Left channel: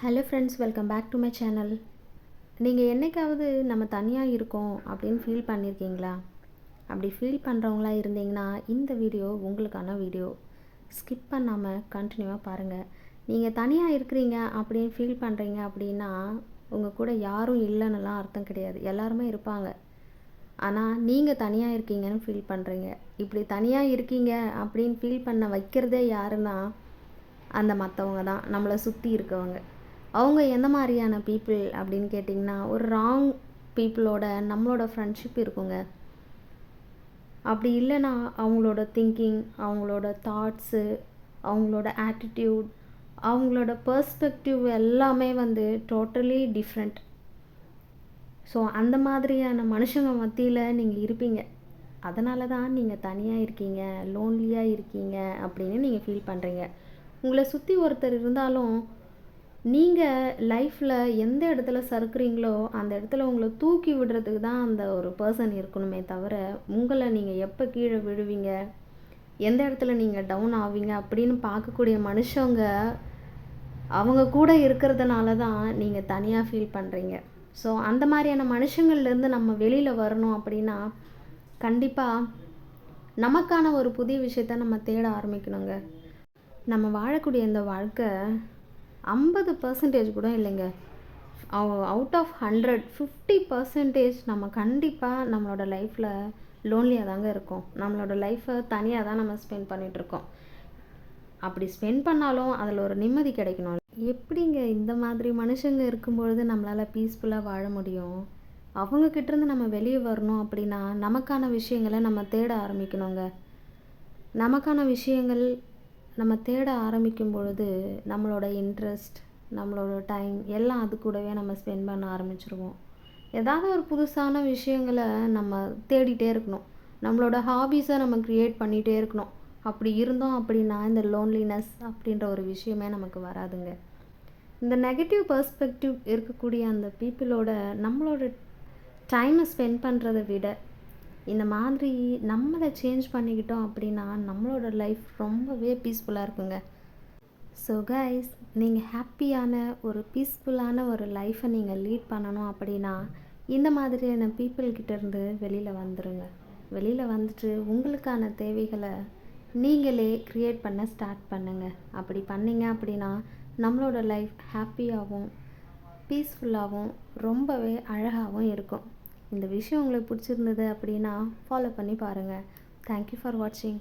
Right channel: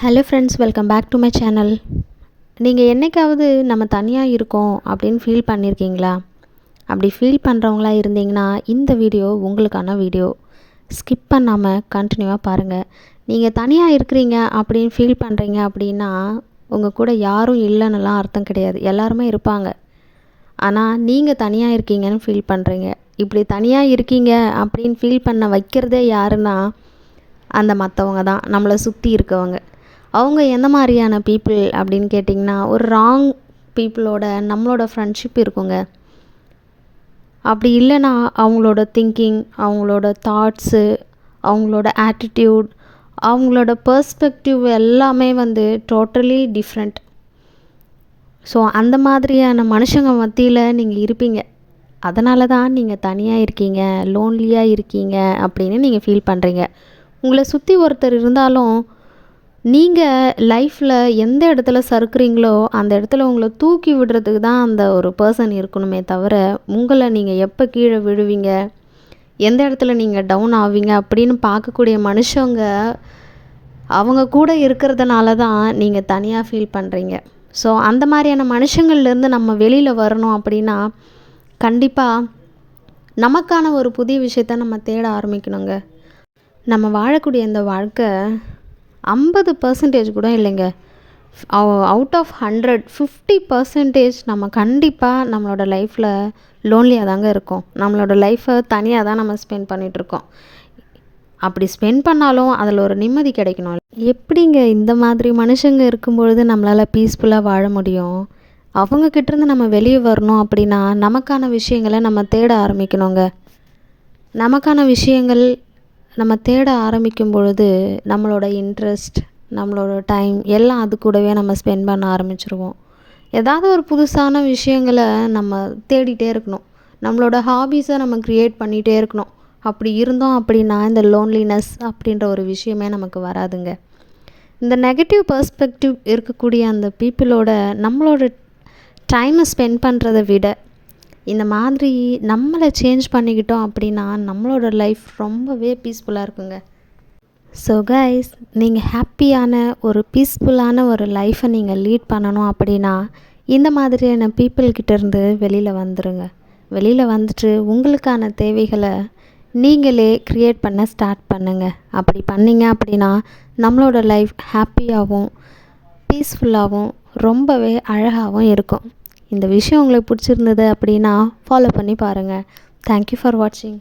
Hello friends, welcome back to my channel. நீங்கள் என்றைக்காவது நம்ம தனியாக இருக்கோம் அப்படின்னு ஃபீல் பண்ணியிருக்கீங்களா? அப்படி ஃபீல் பண்ணுறவங்களா இருந்தீங்கன்னா இந்த வீடியோ உங்களுக்கான வீடியோ. ஸ்கிப் பண்ணாமல் கண்டினியூவாக பாருங்கள். நீங்கள் தனியாக இருக்கிறீங்க அப்படின்னு ஃபீல் பண்ணுறீங்க அப்படின்னா உங்கள் கூட யாரும் இல்லைன்னுலாம் அர்த்தம் கிடையாது. எல்லாருமே இருப்பாங்க. ஆனால் நீங்கள் தனியாக இருக்கீங்கன்னு ஃபீல் பண்ணுறீங்க. இப்படி தனியாக இருக்கீங்க அப்படின்னு ஃபீல் பண்ண வைக்கிறதே யாருன்னா அந்த மற்றவங்க தான், நம்மளை சுற்றி இருக்கவங்க. அவங்க எந்த மாதிரியான பீப்புள் அப்படின்னு கேட்டிங்கன்னா, ஒரு ராங் பீப்புளோட நம்மளோட ஃப்ரெண்ட்ஷிப் இருக்குங்க. அப்படி இல்லைன்னா அவங்களோட திங்கிங், அவங்களோட தாட்ஸு, அவங்களோட ஆட்டிடியூட், அவங்களோட பர்ஸ்பெக்டிவ் எல்லாமே டோட்டலி டிஃப்ரெண்ட். ஸோ அந்த மாதிரியான மனுஷங்க மத்தியில் நீங்கள் இருப்பீங்க. அதனால தான் நீங்கள் தனியாக இருக்கீங்க, லோன்லியாக இருக்கீங்க அப்படின்னு நீங்கள் ஃபீல் பண்ணுறீங்க. உங்களை சுற்றி ஒருத்தர் இருந்தாலும் நீங்கள் லைஃப்பில் எந்த இடத்துல சறுக்குறீங்களோ அந்த இடத்துல உங்களை தூக்கி விடுறதுக்கு தான் அந்த ஒரு பர்சன் இருக்கணுமே தவிர, உங்களை நீங்கள் எப்போ கீழே விழுவீங்க, எந்த இடத்துல நீங்கள் டவுன் ஆவீங்க அப்படின்னு பார்க்கக்கூடிய மனுஷங்க அவங்க கூட இருக்கிறதுனால தான் நீங்கள் தனியாக ஃபீல் பண்ணுறீங்க. ஸோ அந்த மாதிரியான மனுஷங்கள்லேருந்து நம்ம வெளியில் வரணும் அப்படின்னா கண்டிப்பாக நமக்கான ஒரு புதிய விஷயத்த நம்ம தேட ஆரம்பிக்கணுங்க. நம்ம வாழக்கூடிய இந்த வாழ்க்கை 50% கூட இல்லைங்க. அவுட் ஆஃப் 100 50% நம்ம கண்டிப்பாக நம்மளோட லைஃப்பில் லோன்லியாக தாங்க இருக்கோம். நம்மளோட லைஃப்பை தனியாக தான் நம்ம ஸ்பெண்ட் பண்ணிகிட்ருக்கோம். அப்படி ஸ்பெண்ட் பண்ணாலும் அதில் ஒரு நிம்மதி கிடைக்கணும். எப்படிங்க இந்த மாதிரி மனுஷங்க இருக்கும்பொழுது நம்மளால் பீஸ்ஃபுல்லாக வாழ முடியும்? அவங்கக்கிட்டேருந்து நம்ம வெளியே வரணும் அப்படின்னா நமக்கான விஷயங்களை நம்ம தேட ஆரம்பிக்கணுங்க. நமக்கான விஷயங்கள் நம்ம தேட ஆரம்பிக்கும் பொழுது நம்மளோட இன்ட்ரெஸ்ட், நம்மளோட டைம் எல்லாம் அது கூடவே நம்ம ஸ்பெண்ட் பண்ண ஆரம்பிச்சிருவோம். ஏதாவது ஒரு புதுசான விஷயங்களை நம்ம தேடிகிட்டே இருக்கணும். நம்மளோட ஹாபீஸை நம்ம க்ரியேட் பண்ணிகிட்டே இருக்கணும். அப்படி இருந்தோம் அப்படின்னா இந்த லோன்லினஸ் அப்படின்ற ஒரு விஷயமே நமக்கு வராதுங்க. இந்த நெகட்டிவ் பர்ஸ்பெக்டிவ் இருக்கக்கூடிய அந்த பீப்புளோட நம்மளோட டைமை ஸ்பெண்ட் பண்ணுறதை விட இந்த மாதிரி நம்மளை சேஞ்ச் பண்ணிக்கிட்டோம் அப்படின்னா நம்மளோட லைஃப் ரொம்பவே பீஸ்ஃபுல்லாக இருக்குங்க. ஸோ கைஸ், நீங்கள் ஹாப்பியான ஒரு பீஸ்ஃபுல்லான ஒரு லைஃப்பை நீங்கள் லீட் பண்ணணும் அப்படின்னா இந்த மாதிரியான பீப்புள்கிட்டேருந்து வெளியில் வந்துடுங்க. வெளியில் வந்துட்டு உங்களுக்கான தேவைகளை நீங்களே க்ரியேட் பண்ண ஸ்டார்ட் பண்ணுங்கள். அப்படி பண்ணிங்க அப்படின்னா நம்மளோட லைஃப் ஹாப்பியாகவும் பீஸ்ஃபுல்லாகவும் ரொம்பவே அழகாகவும் இருக்கும். இந்த விஷயம் உங்களுக்கு பிடிச்சிருந்தது அப்படின்னா ஃபாலோ பண்ணி பாருங்கள். தேங்க்யூ ஃபார் வாட்சிங்.